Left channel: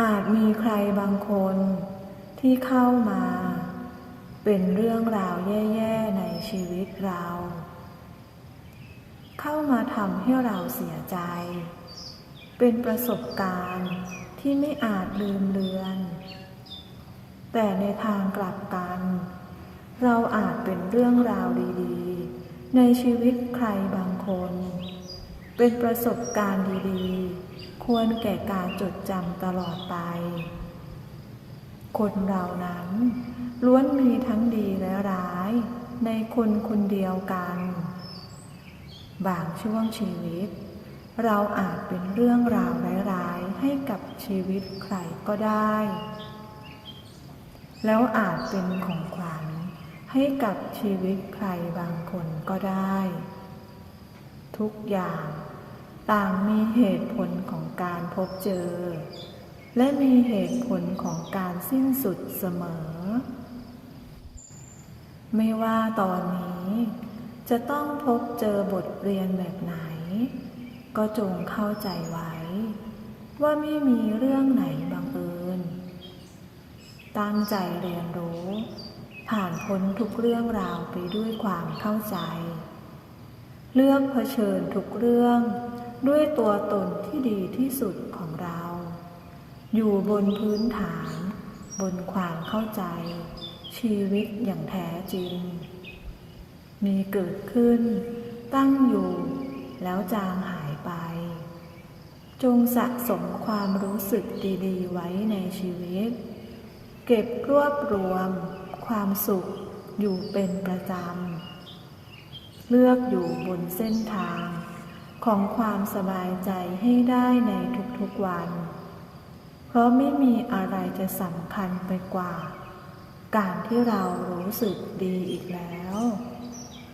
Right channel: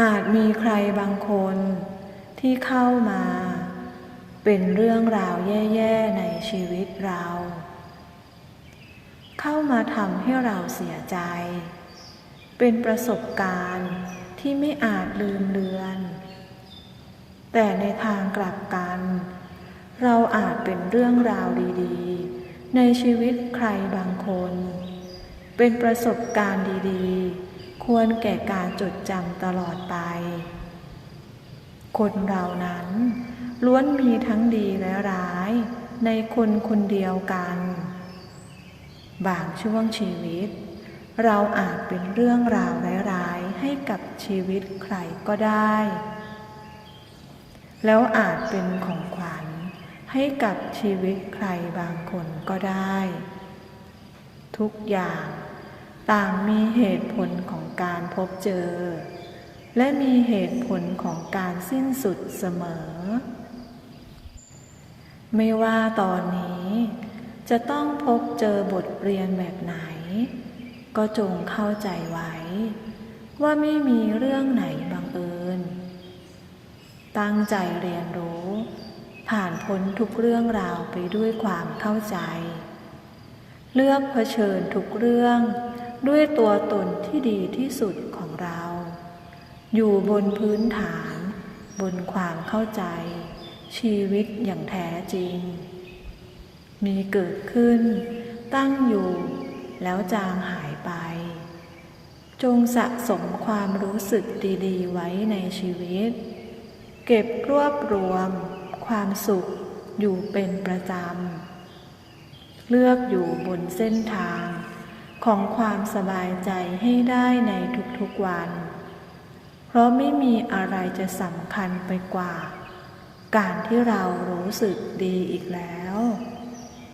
อาจมีใครบางคนที่เข้ามา เป็นเรื่องราวแย่ๆในชีวิตเรา เข้ามาทำให้เราเสียใจ เป็นประสบการณ์ที่ไม่อาจลืมเลือน แต่ในทางกลับกัน เราอาจเป็นเรื่องราวดีๆ ในชีวิตใครบางคน เป็นประสบการณ์ดีๆ ควรแก่การจดจำตลอดไป คนเรานั้นล้วนมีทั้งดีและร้ายในคนคนเดียวกัน บางช่วงชีวิต เราอาจเป็นเรื่องราวร้ายๆให้กับชีวิตใครก็ได้ แล้วอาจเป็นของขวัญให้กับชีวิตใครบางคนก็ได้ ทุกอย่างต่างมีเหตุผลของ การพบเจอ และมีเหตุผลของการสิ้นสุดเสมอ ไม่ว่าตอนนี้ จะต้องพบเจอบทเรียนแบบไหน ก็จงเข้าใจไว้ ว่าไม่มีเรื่องไหนบังเอิญ ตั้งใจเรียนรู้ ผ่านพ้นทุกเรื่องราวไปด้วยความเข้าใจ เลือกเผชิญทุกเรื่อง ด้วยตัวตนที่ดีที่สุดของเรา อยู่บนพื้นฐาน บนความเข้าใจ ชีวิตอย่างแท้จริง มีเกิดขึ้น ตั้งอยู่แล้วจางหายไป จงสะสมความรู้สึกดีๆ ไว้ในชีวิต เก็บรวบรวม ความสุขอยู่เป็นประจำ เลือกอยู่บนเส้นทาง ของความสบายใจให้ได้ในทุกๆวัน เพราะไม่มีอะไรจะสำคัญไปกว่า การที่เรารู้สึกดีอีกแล้ว